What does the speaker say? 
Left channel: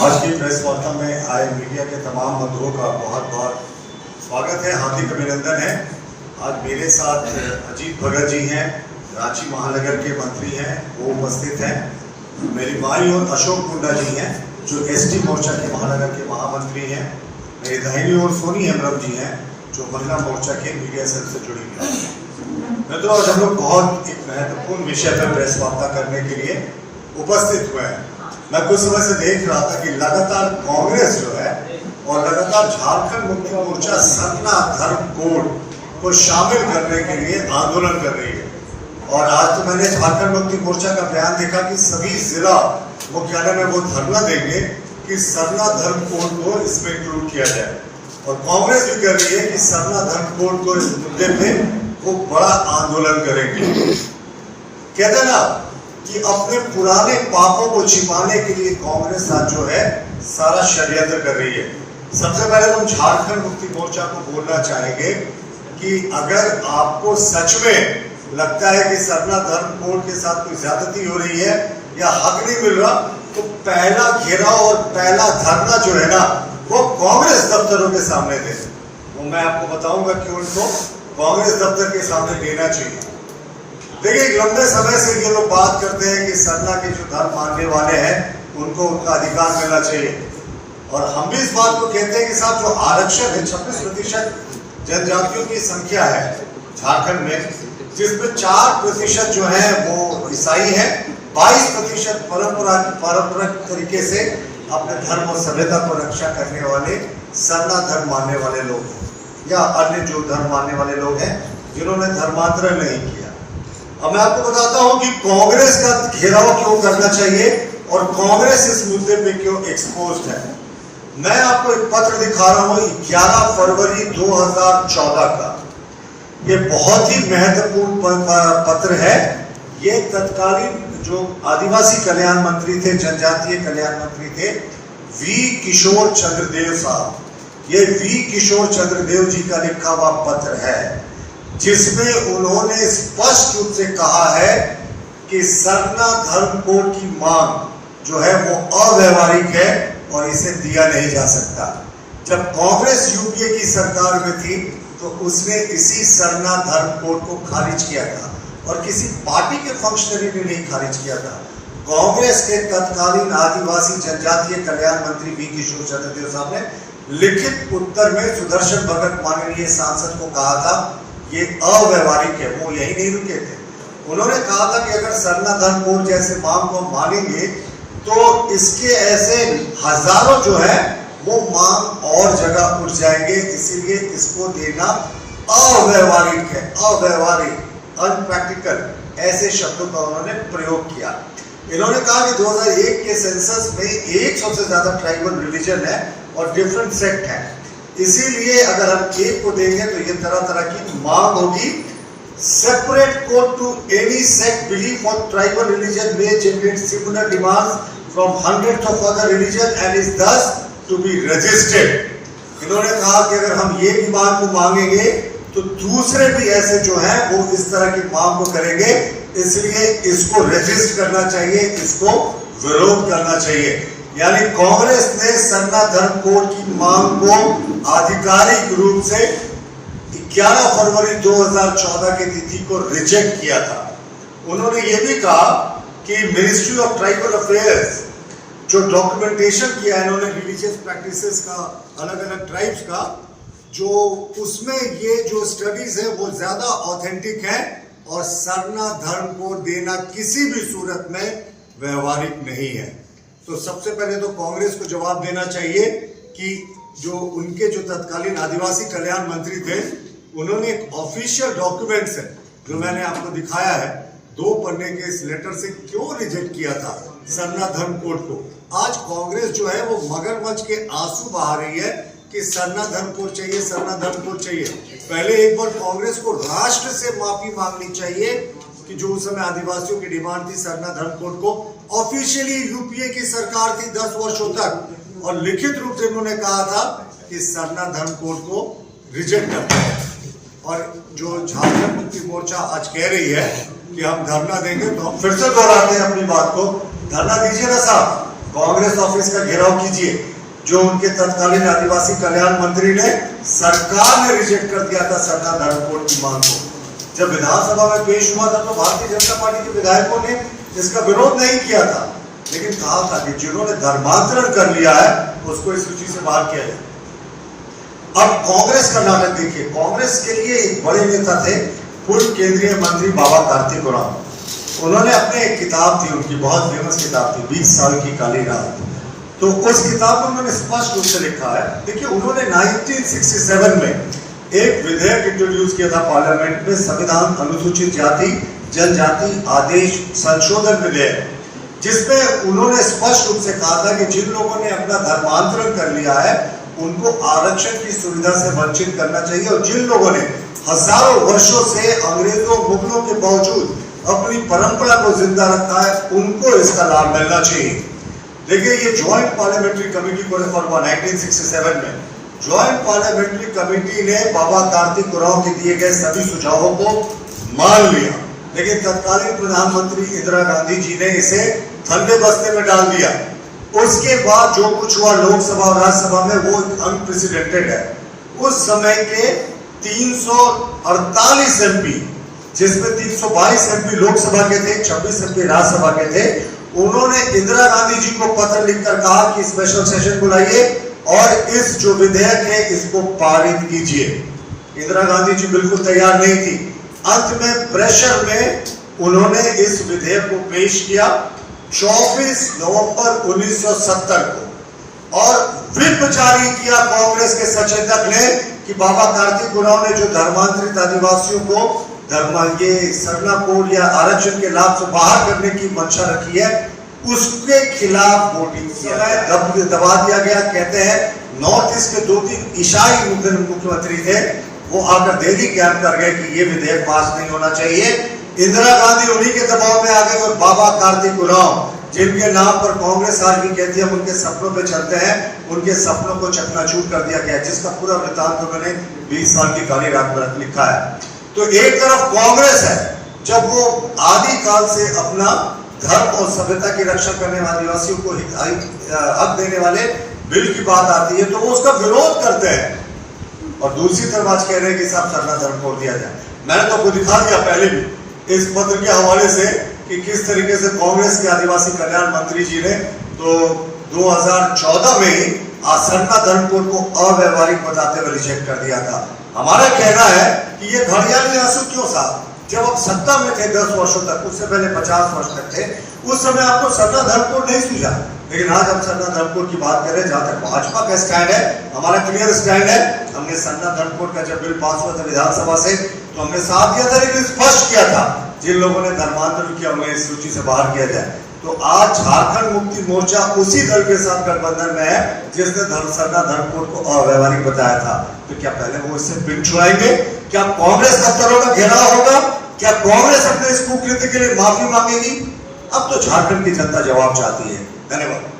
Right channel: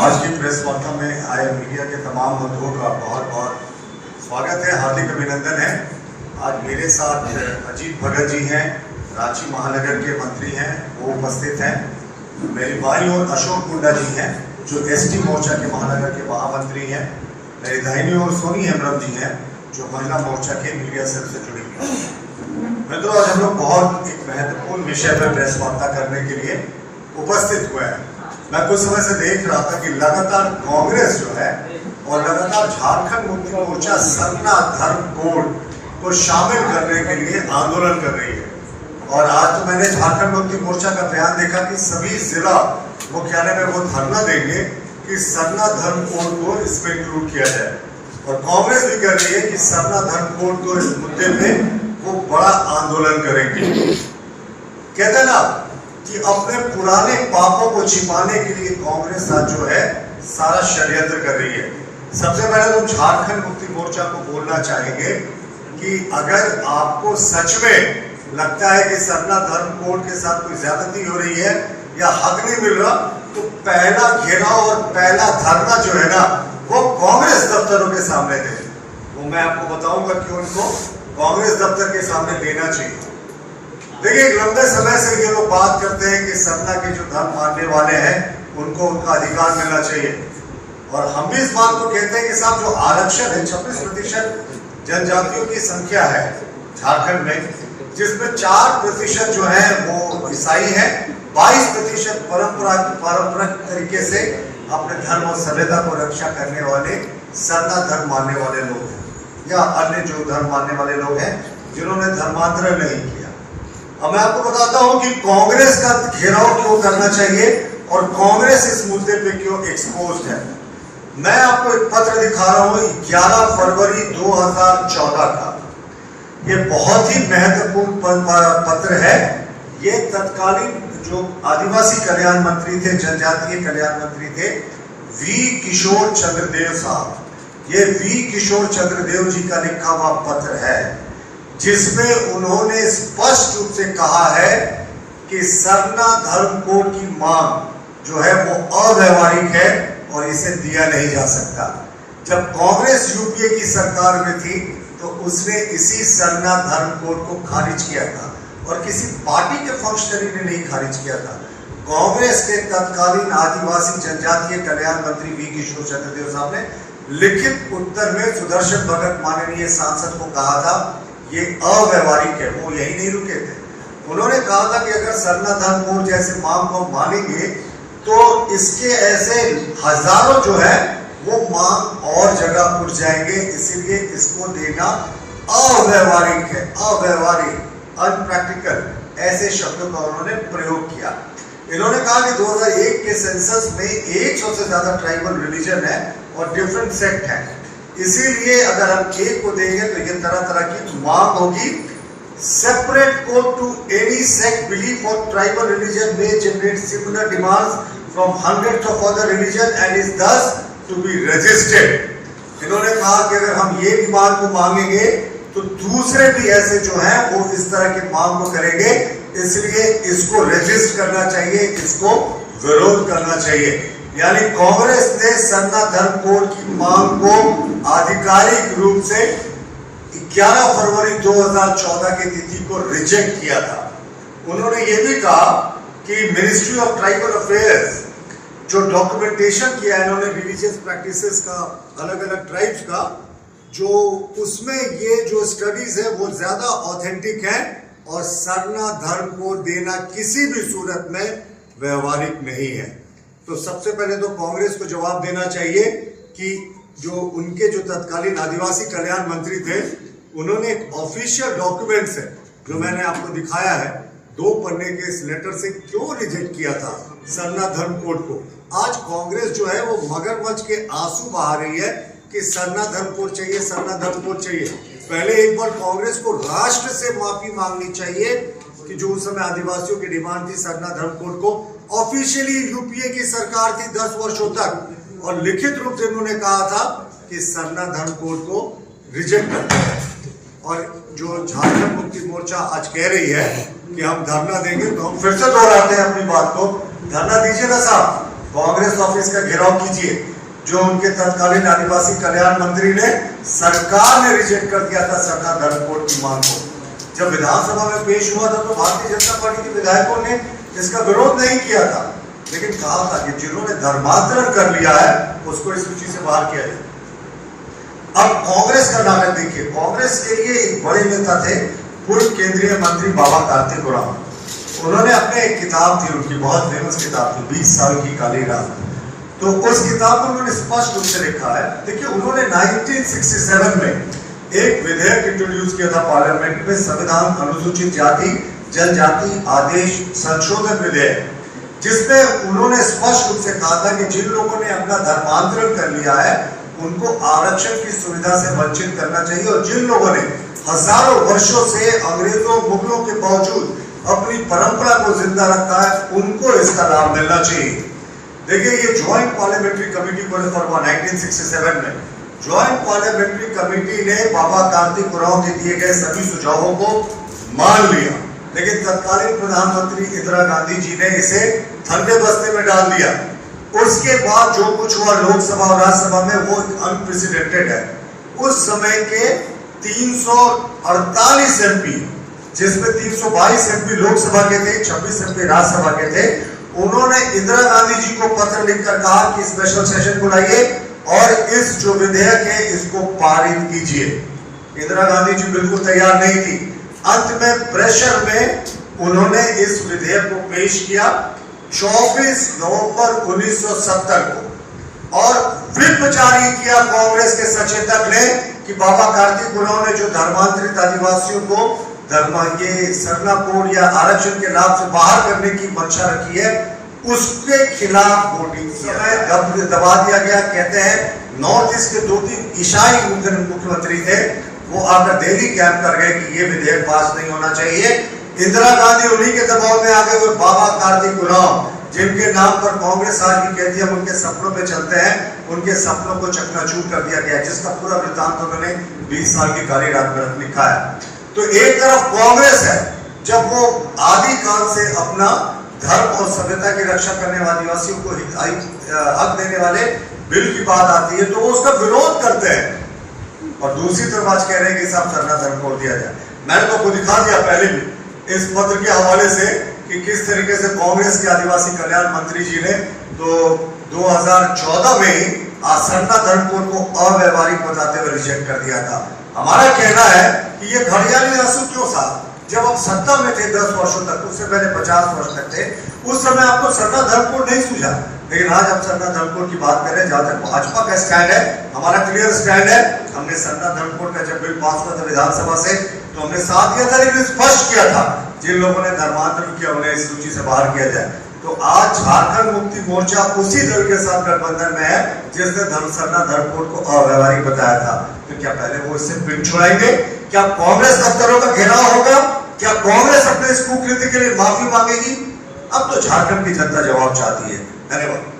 आज की प्रेस वार्ता में आए मीडिया के तमाम बंधुओं का बहुत बहुत स्वागत है, हार्दिक अभिनंदन है। आज मेरे साथ अजीत भगत जी हैं, रांची महानगर के मंत्री हैं, वो उपस्थित हैं। मेरी भाई और अशोक कुंडा जी हैं जो एसटी मोर्चा के महानगर के महामंत्री हैं। मेरी दाहिनी ओर सोनी हेम्ब्रम जी हैं जो महिला मोर्चा के मीडिया सेल से जुड़ी हुई हैं। मित्रों, आज हम लोग बहुत एक महत्वपूर्ण विषय पर प्रेस वार्ता करने के लिए उपस्थित हुए हैं। मैं कुछ समय से देख रहा था कि लगातार कांग्रेस जो है और लगातार झारखंड मुक्ति मोर्चा सरना धर्म कोड को शामिल करने के लिए आंदोलन कर रही है। और आज तो मैंने झारखंड मुक्ति मोर्चा का बयान देखा कि सभी जिला मुख्यालय में वो धरना देंगे कि सरना धर्म कोड को इसमें इंक्लूड किया जाए। और कांग्रेस भी कर रही है कि सरना धर्म कोड को इस मुद्दे पे वो बड़ा आंदोलन करेंगे। कहते ना कि अपने पुराने पापों को छिपाने के लिए कांग्रेस आज जो है सारा षड्यंत्र कर रही है। सबसे पहले तो झारखंड मुक्ति मोर्चा को बोलना चाहेंगे कि अगर आपको सच में लगता है कि सरना धर्म कोड के साथ कोई ज्यादती हो रही है या हक नहीं मिल रहा, तो पहला घेराव और पहला धरना जो है ना वो कांग्रेस दफ्तरों के सामने दे। वो मैं आपको बताऊंगा कि उनको कांग्रेस दफ्तर के सामने देना चाहिए। देखिए, एक लंबे समय से ये लोग बात करते हैं कि सरना के जो धर्म मानने वाले हैं उनको उनका अधिकार मिलना चाहिए। और हम भी इस बात को कहते हैं कि साहब जो आरक्षण है 26% जनजातियों की संख्या है झारखंड में, जिसमें 4% जो है वो ईसाई है, 22% पारंपरिक तरीके से अपने धर्म और सभ्यता को रक्षा करने वाले सरना धर्म मानने वाले लोग हैं या अन्य जो धर्म मानने वाले लोग हैं जिन्होंने धर्मांतरण नहीं किया। अब मैं आपको बताता हूं कि कांग्रेस का घेराव क्यों करना चाहिए और कांग्रेस इस मुद्दे पे क्यों एक्सपोज्ड है। मैं आपको एक पत्र दिखा रहा हूं 11 फरवरी 2014 का। ये बहुत ही महत्वपूर्ण पत्र है। ये तत्कालीन जो आदिवासी कल्याण मंत्री थे, जनजातीय कल्याण मंत्री थे, वी किशोर चंद्रदेव साहब। ये वी किशोर चंद्रदेव जी का लिखा हुआ पत्र है जिसमें उन्होंने स्पष्ट रूप से कहा है कि सरना धर्म कोड की मांग जो है वो अव्यवहारिक है और इसे दिया नहीं जा सकता। जब कांग्रेस यूपीए की सरकार में थी तो उसने इसी सरना धर्म कोड को खारिज किया था और किसी पार्टी के फंक्शनरी ने नहीं खारिज किया था। कांग्रेस के तत्कालीन आदिवासी जनजातीय कल्याण मंत्री वी किशोर चंद्रदेव साहब ने लिखित उत्तर में सुदर्शन भगत माननीय सांसद को कहा था ये अव्यवहारिक है। वो यही नहीं रुके थे, उन्होंने कहा था कि अगर सरना धर्म कोड जैसे मांग को मानेंगे तो इसके ऐसे हजारों जो है वो मांग और जगह उठ जाएंगे, इसीलिए इसको देना अव्यवहारिक है, अव्यवहारिक, अनप्रैक्टिकल, ऐसे शब्दों का उन्होंने प्रयोग किया। इन्होंने कहा कि 2001 के सेंसस में 100 से ज्यादा ट्राइबल रिलीजन है और डिफरेंट सेक्ट है, इसीलिए अगर हम एक को देंगे तो ये तरह तरह की मांग होगी। Separate code to any sect belief और ट्राइबल रिलीजन में generate similar demands from hundreds of other religion and is thus to be registered. इन्होंने कहा कि अगर हम ये डिमांड को मांगेंगे तो दूसरे भी ऐसे जो हैं वो इस तरह की मांग को करेंगे, इसलिए इसको रजिस्टर करना चाहिए, इसको विरोध करना चाहिए। यानी कांग्रेस ने सरना धर्म कोड की मांग को आधिकारिक रूप से 11 फरवरी 2014 की तिथि को रिजेक्ट किया था। उन्होंने ये भी कहा कि मिनिस्ट्री ऑफ ट्राइबल अफेयर्स जो डॉक्यूमेंटेशन किया है इन्होंने रिलीजियस प्रैक्टिसेस का, अलग अलग ट्राइब्स का, जो उसमें ये जो स्टडीज है वो ज्यादा ऑथेंटिक है और सरना धर्म कोड देना किसी भी सूरत में व्यवहारिक नहीं है। तो सबसे पहले तो कांग्रेस को जवाब देना चाहिए कि जो उनके जो तत्कालीन आदिवासी कल्याण मंत्री थे उन्होंने एक ऑफिशियल डॉक्यूमेंट्स है जो मैंने आपको दिखाया है 2 पन्ने के इस लेटर से क्यों रिजेक्ट किया था सरना धर्म कोड को। आज कांग्रेस जो है वो मगरमच्छ के आंसू बहा रही है कि सरना धर्म कोड चाहिए, सरना धर्म कोड चाहिए। पहले एक बार कांग्रेस को राष्ट्र से माफी मांगनी चाहिए कि जो उस समय आदिवासियों की डिमांड थी सरना धर्म कोड को। ऑफिशियली यूपीए की सरकार थी 10 वर्षों तक और लिखित रूप से उन्होंने कहा था कि सरना धर्म कोड को रिजेक्ट करता है। और जो झारखंड मुक्ति मोर्चा आज कह रही है कि हम धरना देंगे, तो हम फिर से दोहराते हैं अपनी बात को, धरना दीजिए ना साहब, कांग्रेस ऑफिस का घेराव कीजिए, जो उनके तत्कालीन आदिवासी कल्याण मंत्री ने, सरकार ने रिजेक्ट कर दिया था सरना धर्म कोड की मांग को। जब विधानसभा में पेश हुआ था तो भारतीय जनता पार्टी के विधायकों ने इसका विरोध नहीं किया था, लेकिन कहा था कि जिन्होंने धर्मांतरण कर लिया है उसको इस सूची से बाहर किया जाए। अब कांग्रेस का नाटक देखिए। कांग्रेस के लिए एक बड़े नेता थे पूर्व केंद्रीय मंत्री बाबा कार्तिक उरांव। उन्होंने अपने एक किताब थी, उनकी बहुत फेमस किताब थी 20 साल की काली रात, तो उस किताब में उन्होंने स्पष्ट रूप से लिखा है। देखिए, उन्होंने 1967 में एक विधेयक इंट्रोड्यूस किया था पार्लियामेंट में, संविधान अनुसूचित जाति जनजाति आदेश संशोधन विधेयक, जिसमें उन्होंने स्पष्ट रूप से कहा था कि जिन लोगों ने अपना धर्मांतरण कर लिया है उनको आरक्षण की सुविधा से वंचित करना चाहिए, और जिन लोगों ने हजारों वर्षों से अंग्रेजों मुगलों के बावजूद अपनी परंपरा को जिंदा रखा है उनको इसका लाभ मिलना चाहिए। देखिए, ये ज्वाइंट पार्लियामेंट्री कमेटी को रिफर हुआ 1967 में। ज्वाइंट पार्लियामेंट्री कमेटी ने बाबा कार्तिक उरांव के दिए गए सभी सुझावों को मान लिया, लेकिन तत्कालीन प्रधानमंत्री इंदिरा गांधी जी ने इसे ठंडे बस्ते में डाल दिया। उसके बाद जो कुछ हुआ लोकसभा और राज्यसभा में वो अनप्रेसिडेंटेड है। उस समय के 348 एमपी, जिसमें 322 एमपी लोकसभा के थे, 26 एमपी राज्यसभा के थे, उन्होंने इंदिरा गांधी जी को पत्र लिखकर कहा कि स्पेशल सेशन बुलाइए और इस जो विधेयक है इसको पारित कीजिए। इंदिरा गांधी जी बिल्कुल तैयार नहीं थी। अंत में प्रेशर में उन्होंने इस विधेयक को पेश किया 24 नवंबर 1970 को, और व्हिप जारी किया कांग्रेस के सचेतक ने कि बाबा कार्तिक उरांव ने जो धर्मांतरित आदिवासियों को ये सरना कोड या आरक्षण के लाभ से बाहर करने की मंशा रखी है, उसके खिलाफ वोटिंग किया, दबा दिया गया। कहते हैं नॉर्थ ईस्ट के 2-3 ईसाई मुख्यमंत्री थे, वो आकर दिल्ली कैंप कर गए कि ये विधेयक पास नहीं होना चाहिए। इंदिरा गांधी उन्हीं के दबाव में आ गए और बाबा कार्तिक उरांव, जिनके नाम पर कांग्रेस आज भी कहती है हम उनके सपनों पे चलते हैं, उनके सपनों को चकनाचूर कर दिया गया, जिसका पूरा वृत्तांत उन्होंने 20 साल की काली रात में लिखा है। तो एक तरफ कांग्रेस है, जब वो आदि काल से अपना धर्म और सभ्यता की रक्षा करने वाले आदिवासियों को हक देने वाले बिल की बात आती है तो वो उसका विरोध करते हैं, और दूसरी तरफ आज कह रहे हैं कि सब सरना धर्म कोड दिया जाए। मैंने तो खुद दिखा दिया पहले भी इस पत्र के हवाले से कि किस तरीके से कांग्रेस के आदिवासी कल्याण मंत्री जी ने तो 2014 में ही सरना धर्म कोड को अव्यवहारिक बताते हुए रिजेक्ट कर दिया था। हमारा कहना है कि ये घड़ियाली आंसू क्यों साहब, जब आप सत्ता में थे 10 वर्षों तक, उससे पहले 50 वर्ष तक थे, उस समय आपको सरना धर्म कोड नहीं सूझा, लेकिन आज हम सरना धर्म कोड की बात कर रहे हैं। जहां तक भाजपा का स्टैंड है, हमारा क्लियर स्टैंड है। हमने सरना धर्म कोड का जब बिल पास हुआ था विधानसभा से तो हमने साथ दिया था, लेकिन स्पष्ट किया था जिन लोगों ने धर्मांतरण किया उन्हें इस सूची से बाहर किया जाए। तो आज झारखंड मुक्ति मोर्चा उसी दल के साथ गठबंधन में है जिसने सरना धर्म कोड को अव्यवहारिक बताया था। तो क्या पहले वो इससे पिन छुड़ाएंगे? क्या कांग्रेस दफ्तरों का घेराव होगा? क्या कांग्रेस अपने इस कुकृत्य के लिए माफी मांगेगी? अब तो झारखंड की जनता जवाब चाहती है। धन्यवाद।